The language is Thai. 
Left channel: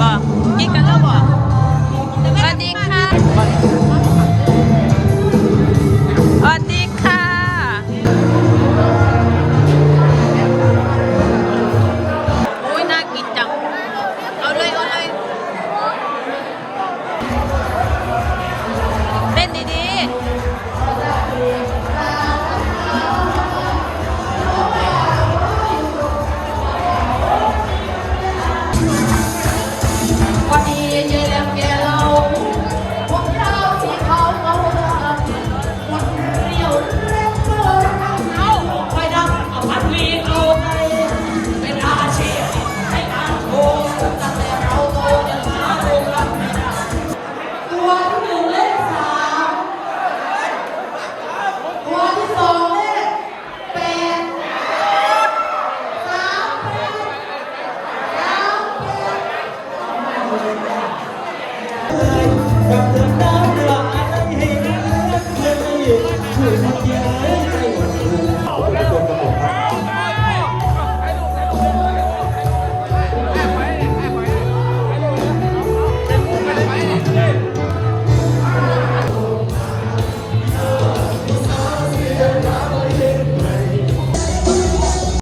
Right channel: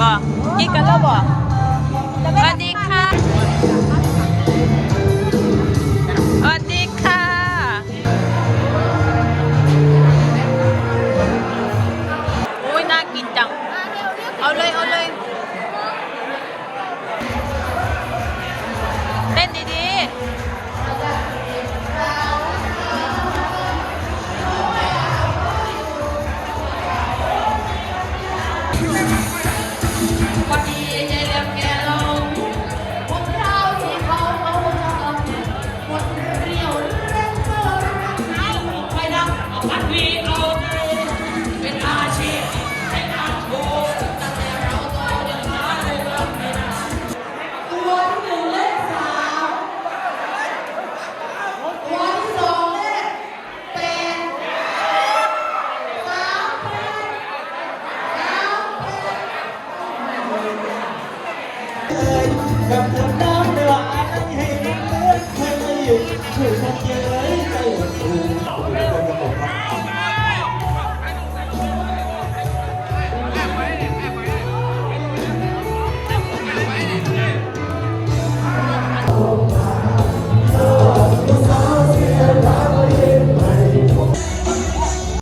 บอกกินกันแล้วบอกสวัสดีค่ะสวัสดีค่ะอุ้ยน่ากินจังเอาเลยเอาเลยเต้นดีๆวันนี้เย็นเมียเราพวกเราที่เขาเอาคนเรียวเร่งเอาไปดังเอาพัดวีเอาไปเป็นอาชีพให้นางโกตั้งแต่เราโตจนมาเดินรับไม่ได้ตัวที่หนึ่งเลข3ตัวที่2เลข8 3 9 8